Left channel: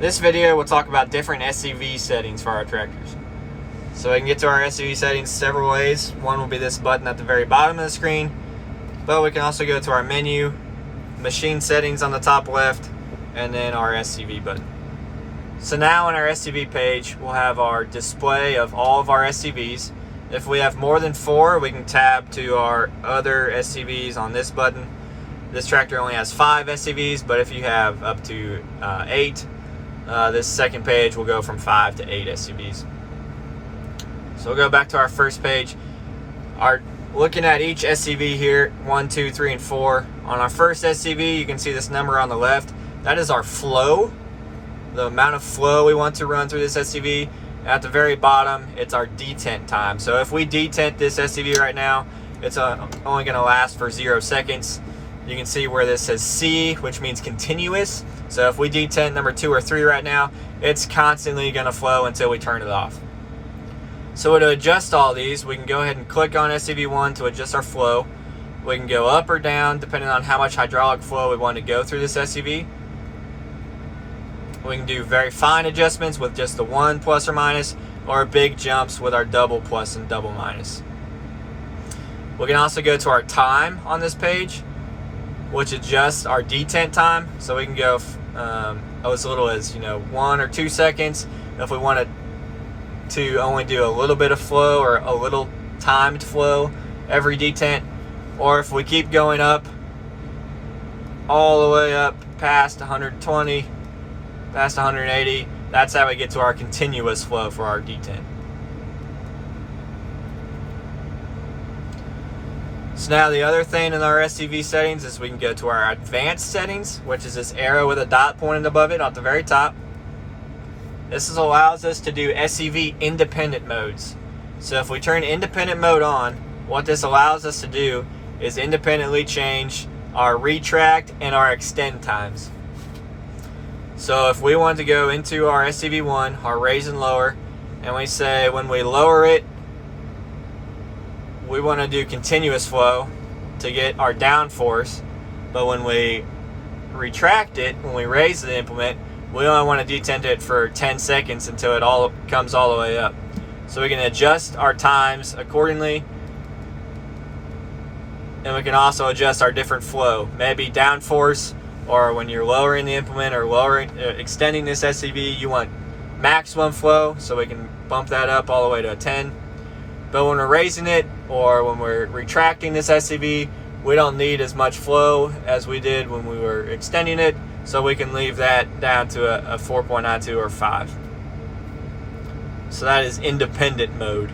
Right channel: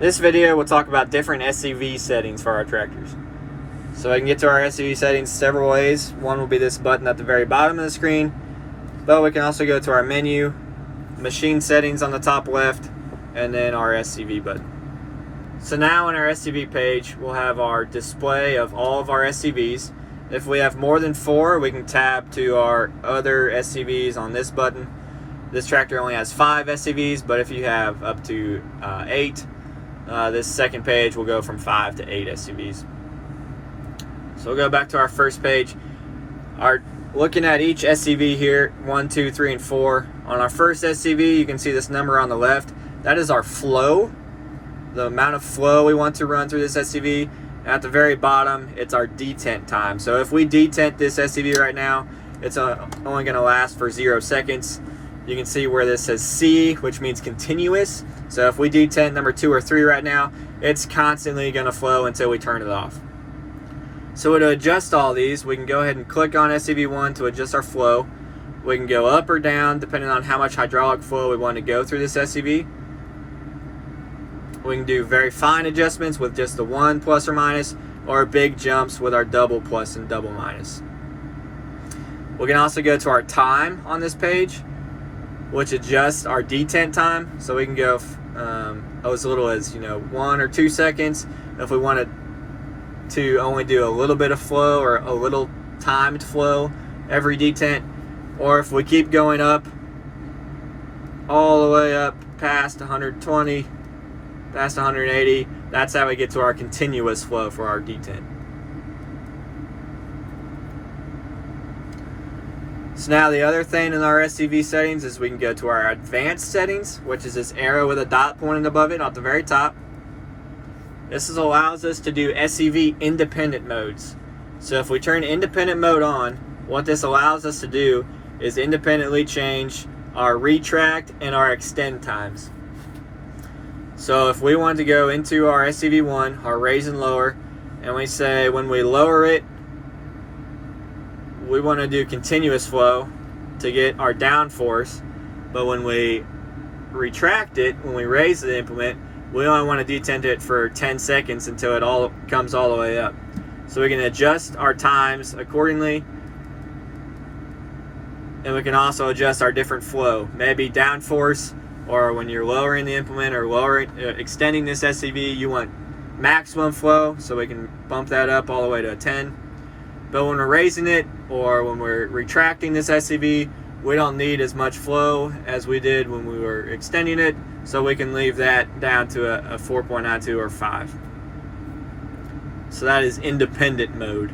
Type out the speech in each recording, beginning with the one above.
This video will talk about different SCV settings for our tractors. So we can get to our SCV settings several ways. One will be this button at the very bottom of the screen, but we can also go to our menu, machine settings on the top left, and then our SCV button. So now on our SCV page, we'll have our display of all of our SCVs. If we have more than 4, we can tab to our other SCVs on this button. This tractor only has 5 SCVs, but if you have up to 8, this second page will go from 5 to 8 SCVs. So we'll go back to our first page. Looking at each SCV here, 1, 2, 3, and 4. On our first SCV, you can see this number on the left. That is our flow, the amount of flow we want to run through this SCV. At the very bottom, it's our detent time. So if we detent this SCV right now, it's only going to last for 0 seconds. You can see where this says C, which means continuous. So if we detent number 2 or 3 right now, it's constantly going to flow until we turn it off. So to adjust all these, we can go ahead and click on SCV1 to adjust our flow. We can go up or down depending on how much hydraulic flow we want to go through this SCV. We can do very fine adjustments with just the 1 plus or minus, or big jumps with our double plus and double minus. We can also go to our time on this page, which adjusts our detent time. So we can go as little as 1 or 2 seconds if we wanted to only do a little bit of flow or a little timed flow every detent, or if we keep going up all the way up past 120, past 180, that's how we get to our continuous flow for our detent. So now the other thing in our SCV settings is we can go to our advanced settings, which is this arrow with a dot pointing above it at the very top. This allows us to do SCV independent modes. So if we turn independent mode on, what this allows us to do is independently change our retract and our extend times. So if we want to go into our SCV1, our raise and lower, and we say when we lower it, we want to do continuous flow to get our downforce, but when we retract it, when we raise the implement, we only want to detent it for 10 seconds until it all comes all the way up. So we can adjust our times accordingly, and we can also adjust our different flow, maybe downforce, or when you're lowering the implement or extending this SCV, you want maximum flow, so we can bump that up all the way to a 10. But when we're raising it or when we're retracting this SCV, we don't need as much flow as we did when we were extending it, so we can leave that down to a 4.92 or 5. So that is independent mode.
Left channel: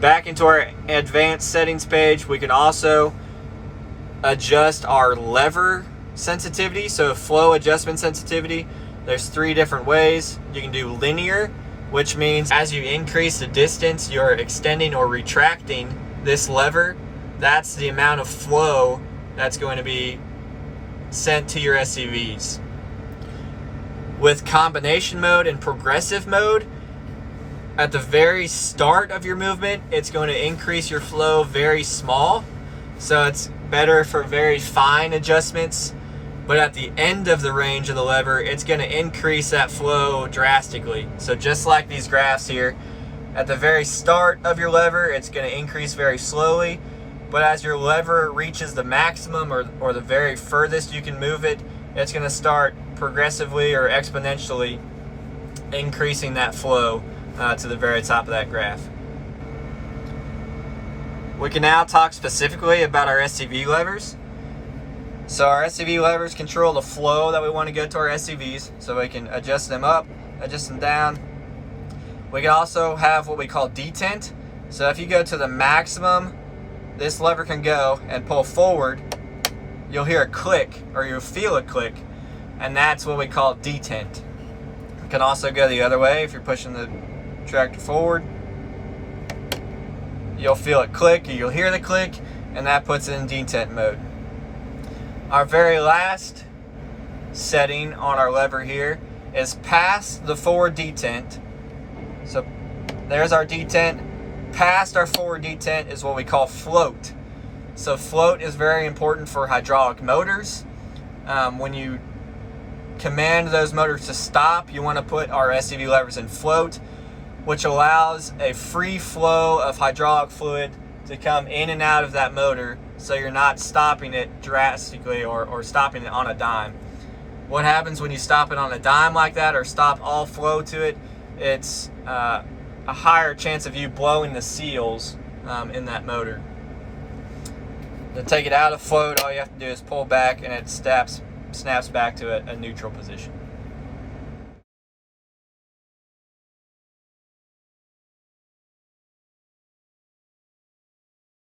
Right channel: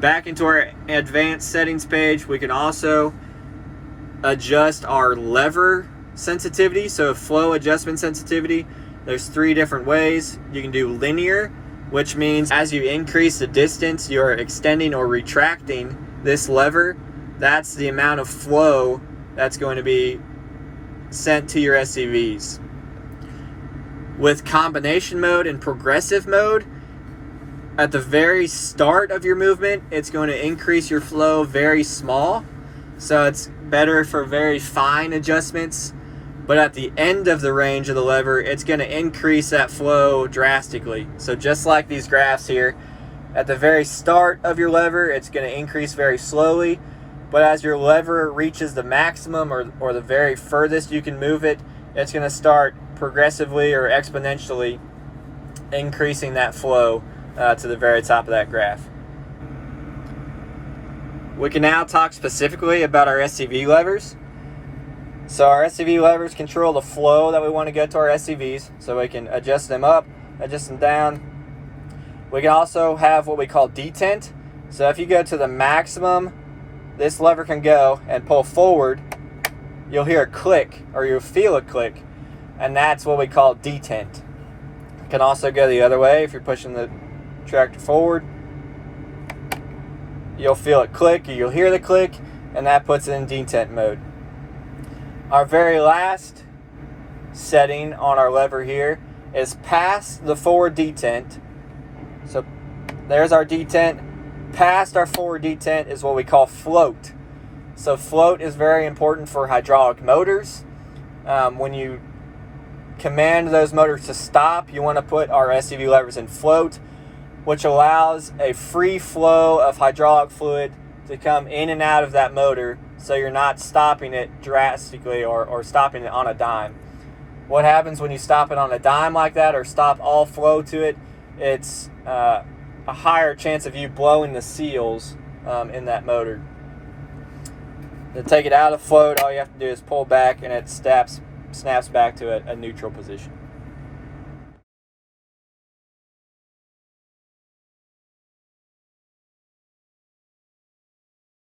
Back into our advanced settings page, we can also adjust our lever sensitivity. So flow adjustment sensitivity, there's 3 different ways. You can do linear, which means as you increase the distance you're extending or retracting this lever, that's the amount of flow that's going to be sent to your SCVs. With combination mode and progressive mode, at the very start of your movement, it's going to increase your flow very small. So it's better for very fine adjustments. But at the end of the range of the lever, it's going to increase that flow drastically. So just like these graphs here, at the very start of your lever, it's going to increase very slowly. But as your lever reaches the maximum or the very furthest you can move it, it's going to start progressively or exponentially increasing that flow to the very top of that graph. We can now talk specifically about our SCV levers. So our SCV levers control the flow that we want to get to our SCVs, so we can adjust them up, adjust them down. We can also have what we call detent. So if you go to the maximum this lever can go and pull forward, you'll hear a click, or you'll feel a click, and that's what we call detent. You can also go the other way. If you're pushing the tractor forward, you'll feel it click, or you'll hear the click, and that puts it in detent mode. Our very last setting on our lever here is past the forward detent. So there's our detent. Past our forward detent is what we call float. So float is very important for hydraulic motors. When you command those motors to stop, you want to put our SCV levers in float, which allows a free flow of hydraulic fluid to come in and out of that motor, so you're not stopping it drastically or stopping it on a dime. What happens when you stop it on a dime like that, or stop all flow to it? It's a higher chance of you blowing the seals in that motor. To take it out of float, all you have to do is pull back and it snaps back to a neutral position.